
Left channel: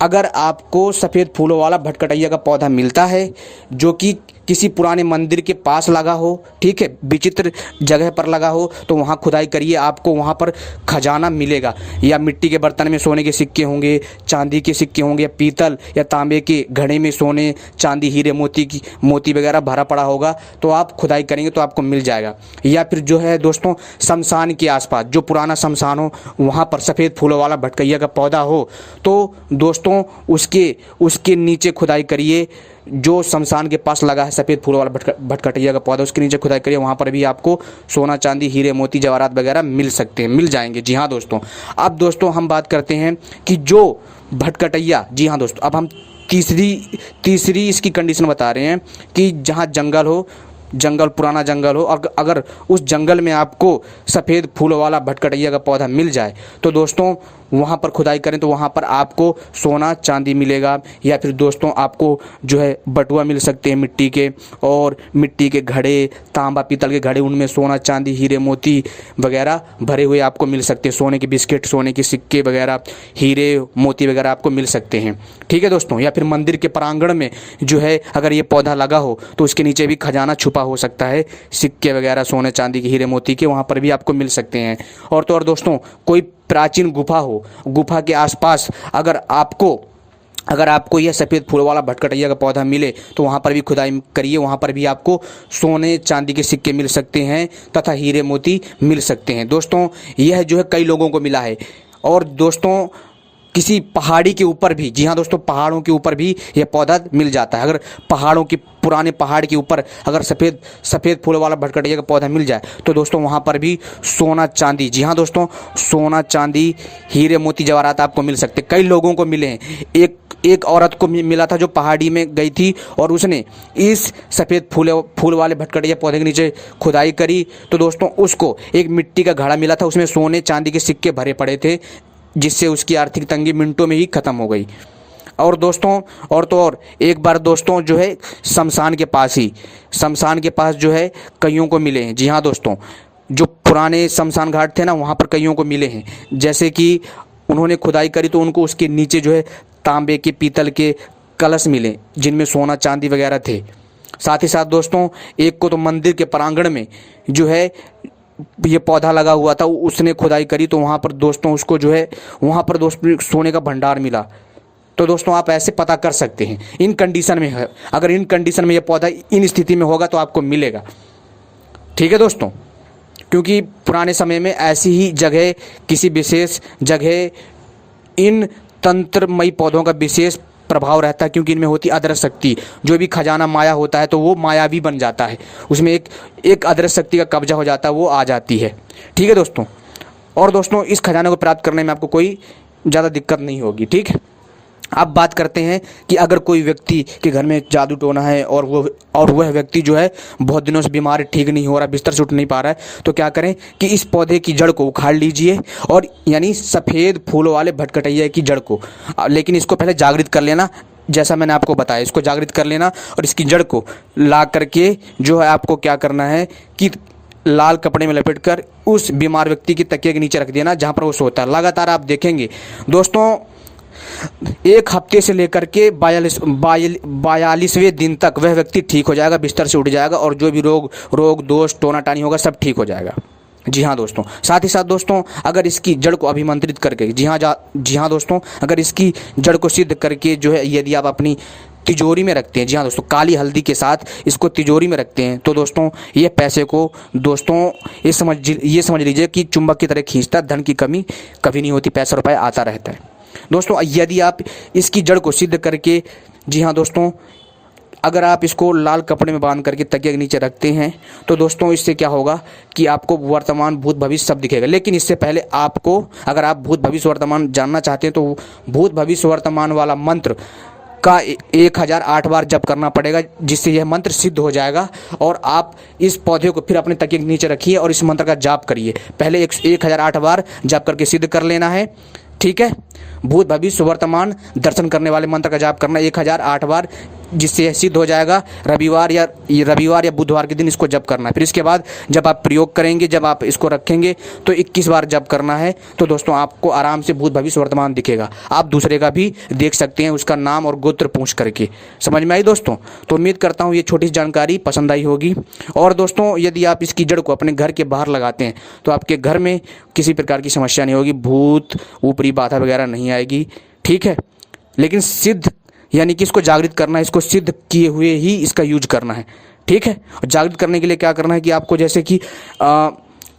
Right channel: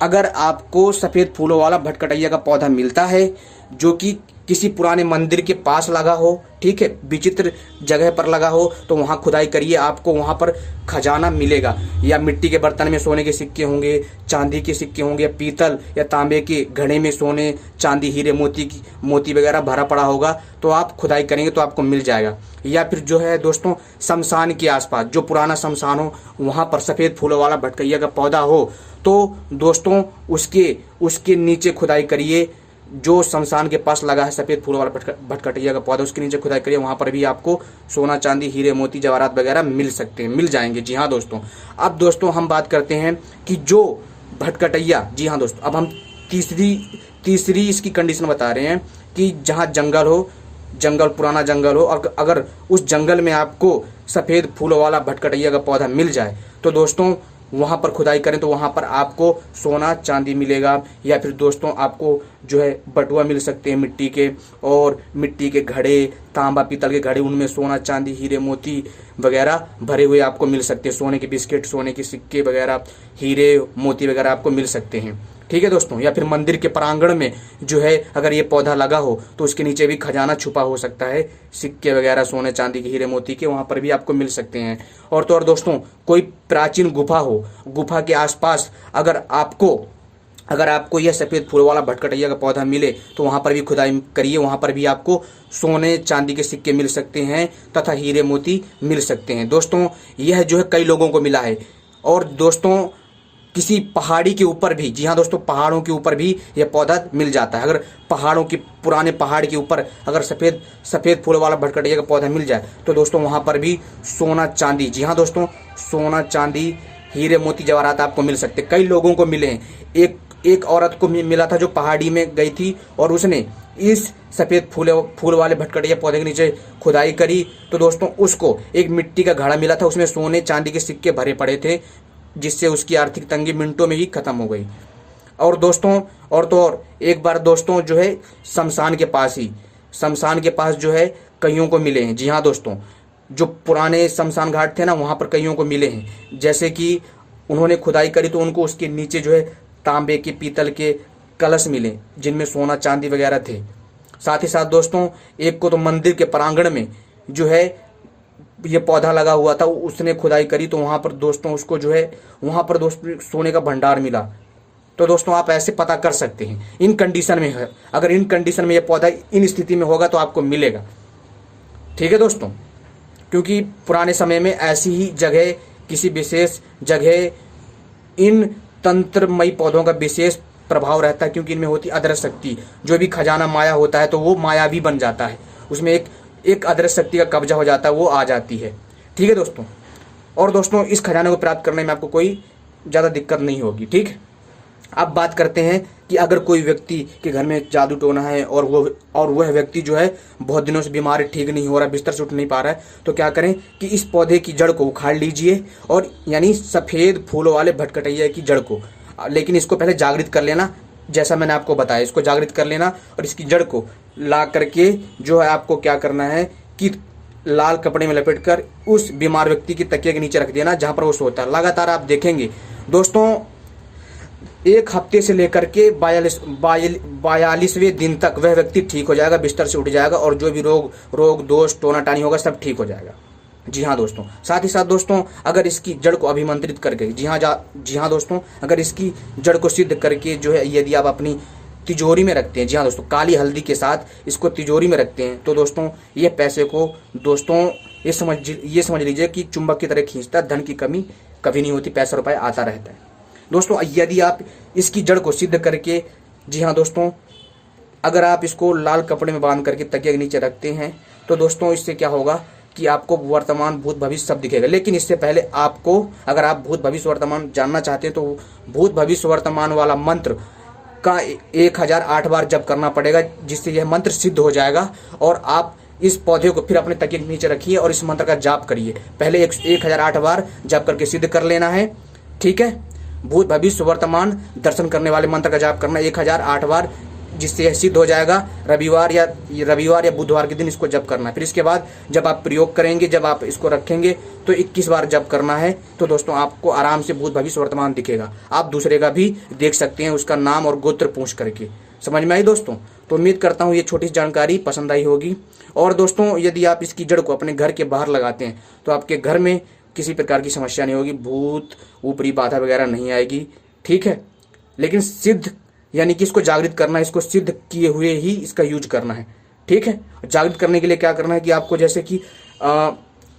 अगर आपको सफ़ेद फूलों वाला भटकटैया का पौधा मिलता है, जो कि किसी पुराने मंदिर के पास लगा हो, ठीक है, विचित्र जगह पर लगा हो, तो वहाँ खुदाई करिए, आपको वहाँ पर खजाना मिलेगा। या मिट्टी के बर्तन में सोने के सिक्के होंगे, चांदी के सिक्के होंगे, या पीतल या तांबे के घड़े में सोने, चांदी, हीरे, मोती वगैरह भरा पड़ा होगा, तो आप खुदाई करेंगे तो आपको मिल जाएगा। या फिर जो है दोस्तों, शमशान के आसपास जो पुराना शमशान हो, वहाँ पर सफ़ेद फूलों वाला भटकैया का पौधा हो, तो दोस्तों उसके नीचे खुदाई करिए। जो शमशान के पास लगा है सफ़ेद फूलों वाला भटकटैया का पौधा, उसके नीचे खुदाई करिए, वहाँ पर भी आपको सोना, चांदी, हीरे, मोती, जवाहरात वगैरह मिल जाएंगे। जी हाँ दोस्तों, अब दोस्तों हम बात करते हैं कि जो भटकटैया, जी हाँ दोस्तों, अब हम तीसरी इसकी कंडीशन बता रहे हैं कि जहाँ जंगल हो, पुराना जंगल हो, अगर उस जंगल में आपको सफ़ेद फूलों वाला भटकटैया का पौधा मिल जाए, तो दोस्तों वहाँ पर खुदाई करें तो वहाँ पर आपको सोना, चांदी मिलेगा। या फिर दोस्तों आपको जो है बटुआ मिल सकते हैं मिट्टी के, और मिट्टी के घड़े, तांबा, पीतल के घड़े, उनमें सोना, चांदी, हीरे, मोती वगैरह भरे हुए आपको मिल सकते हैं। सोने के बिस्किट, सोने के सिक्के वगैरह, हीरे, मोती वगैरह आपको मिल सकते हैं। ठीक है दोस्तों, या फिर मंदिर के प्रांगण में जो है अगर ये पौधा लगा हो, तो उसके नीचे भी खजाना छुपा हो सकता है, सिक्के वगैरह सोने, चांदी के, हीरे, मोती के, वहाँ पर भी आपको मिल सकते हैं। और तो और दोस्तों, कोई प्राचीन गुफा हो, गुफा के आसपास अगर आपको यह सफ़ेद फूल वाला भटकटैया का पौधा मिले, तो वहाँ पर भी खुदाई करिए, वहाँ पर भी आपको सोने, चांदी के सिक्के मिल सकते हैं तथा हीरे, मोती मिल सकते हैं। दोस्तों, यह जो है कई लोगों को मिला है। और दोस्तों, किसी पहाड़ी के ऊपर भी, जी हाँ दोस्तों, पहाड़ों के ऊपर भी यह पौधा मिल जाता है। अगर पहाड़ों की, पुराने पहाड़ के ऊपर अगर सफ़ेद फूल वाला भटकटैया का पौधा मिल जाए, तो दोस्तों वहाँ पर भी सोना, चांदी, जी हाँ दोस्तों, सोना, चांदी, हीरे, मोती, जवाहरात आपको मिल सकते। कई लोगों को मिले हैं। एक औरत को मिला था जो पहाड़ी में गई थी, और उसने इस सफ़ेद फूल वाले भटकटैया पौधे के नीचे खुदाई करी, तो दोस्तों उसको एक मिट्टी का घड़ा मिला था, उसमें सोने, चांदी के सिक्के भरे पड़े थे, जिससे उसकी आर्थिक तंगी मिनटों में ही ख़त्म हो गई। और दोस्तों, और एक बार दोस्तों जो है शमशान के पास जो है कईयों को मिले हैं। जी हाँ दोस्तों, जो पुराने शमशान घाट थे ना, वहाँ पर कईयों को मिले हैं। जैसे कि उन्होंने खुदाई करी तो उनको उसके नीचे जो है तांबे के, पीतल के कलश मिले, जिनमें सोना, चांदी वगैरह थे। साथ ही साथ दोस्तों, एक को तो मंदिर के प्रांगण में जो है ये पौधा लगा हुआ था, उसने खुदाई करी तो वहाँ पर दोस्तों उसको जो है वहाँ पर दोस्तों सोने का भंडार मिला। तो दोस्तों आप ऐसे पता कर सकते हैं इन कंडीशन में है। अगर इन कंडीशन में ये पौधा इन स्थिति में होगा तो आपको मिलेगा। ठीक है दोस्तों, क्योंकि पुराने समय में ऐसी ही जगह, किसी विशेष जगह इन तंत्रमयी पौधों का विशेष प्रभाव रहता है, क्योंकि इनमें होती अदृश्य शक्ति। जो भी खजाना माया होता है तो वो मायावी बन जाता है, उसमें एक अदृश्य शक्ति का कब्जा हो जाता है, वो आ जाती है। ठीक है दोस्तों, और दोस्तों इस खजाने को प्राप्त करने में आपको कोई ज़्यादा दिक्कत नहीं होगी। ठीक है, अब बात करते हैं कि अगर कोई व्यक्ति के घर में जादू टोना है और वह व्यक्ति जो है बहुत दिनों से बीमार है, ठीक नहीं हो रहा, बिस्तर से उठ नहीं पा रहा है, तो क्या करें कि इस पौधे की जड़ को उखाड़ लीजिए, और यानी सफ़ेद फूलों वाले भटकटैया की जड़ को, लेकिन इसको पहले जागृत कर लेना, जैसा मैंने आपको बताया, इसको जागृत कर लेना और इसकी जड़ को ला करके जो है आपको क्या करना है कि लाल कपड़े में लपेटकर उस बीमार व्यक्ति की तकिए के नीचे रख देना जहां पर वो सोता है। लगातार आप देखेंगे दोस्तों, 1 हफ्ते से लेकर के 42वें दिन तक वह व्यक्ति ठीक हो जाएगा, बिस्तर से उठ जाएगा और जो भी रोग दोष टोना टानी होगा सब ठीक हो जाएगा। जी हाँ दोस्तों, साथ ही साथ दोस्तों अगर इसकी जड़ को अभिमंत्रित करके, जी हाँ दोस्तों, अगर इसकी जड़ को सिद्ध करके जो है यदि आप अपनी तिजोरी में रखते हैं, जी हाँ दोस्तों, काली हल्दी के साथ इसको तिजोरी में रखते हैं, तो दोस्तों ये पैसे को दोस्तों ये समझ लीजिए कि चुंबक की तरह खींचता है। धन की कमी कभी नहीं होती, पैसा रुपया आता रहता है। दोस्तों यदि आप इसकी जड़ को सिद्ध करके, जी हाँ दोस्तों, अगर आप इसको लाल कपड़े में बांध करके तकिए के नीचे रखते हैं तो दोस्तों इससे क्या होगा कि आपको वर्तमान भूत भविष्य सब दिखेगा। लेकिन इससे पहले आपको, अगर आप भूत भविष्य वर्तमान जानना चाहते हैं तो भूत भविष्य वर्तमान वाला मंत्र का 1008 बार जप करना पड़ेगा, जिससे यह मंत्र सिद्ध हो जाएगा। और आप इस पौधे को फिर अपने तकिए के नीचे रखिए और इस मंत्र का जाप करिए। पहले 1008 बार जप करके सिद्ध कर लेना है, ठीक है। भूत भविष्य वर्तमान दर्शन करने वाले मंत्र का जाप करना 1008 बार, जिससे यह सिद्ध हो जाएगा। रविवार या बुधवार के दिन इसको जप करना है। फिर इसके बाद जब आप प्रयोग करेंगे, जब आप इसको रखेंगे तो 21 बार जप करना है। तो दोस्तों आपको आराम से भूत भविष्य वर्तमान दिखेगा। आप दूसरे का भी देख सकते हैं, उसका नाम और गोत्र पूछ करके। समझ में आई दोस्तों? तो उम्मीद करता हूँ ये छोटी सी जानकारी पसंद आई होगी। और दोस्तों यदि आप इसकी जड़ को अपने घर के बाहर लगाते हैं तो आपके घर में किसी प्रकार की समस्या नहीं होगी, भूत ऊपरी बाधा वगैरह नहीं आएगी, ठीक है। लेकिन सिद्ध यानी कि इसको जागृत करना है, इसको सिद्ध किए हुए ही इसका यूज करना है, ठीक है। और जागृत करने के लिए क्या करना है कि आपको, जैसे कि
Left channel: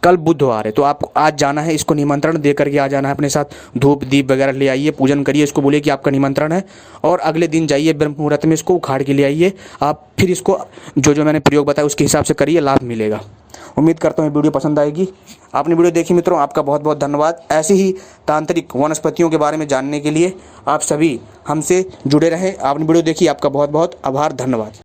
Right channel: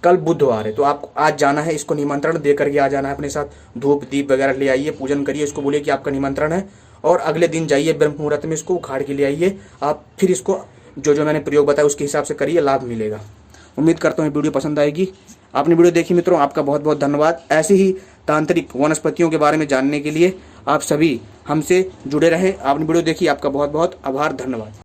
कल बुधवार है तो आपको आज जाना है, इसको निमंत्रण दे करके आ जाना है अपने साथ। धूप दीप वगैरह ले आइए, पूजन करिए, इसको बोलिए कि आपका निमंत्रण है। और अगले दिन जाइए ब्रह्म मुहूर्त में इसको उखाड़ के ले आइए। आप फिर इसको जो मैंने प्रयोग बताया उसके हिसाब से करिए, लाभ मिलेगा। उम्मीद करता हूँ वीडियो पसंद आएगी। आपने वीडियो देखी मित्रों, आपका बहुत बहुत धन्यवाद। ऐसे ही तांत्रिक वनस्पतियों के बारे में जानने के लिए आप सभी हमसे जुड़े रहें। आपने वीडियो देखी, आपका बहुत बहुत आभार, धन्यवाद।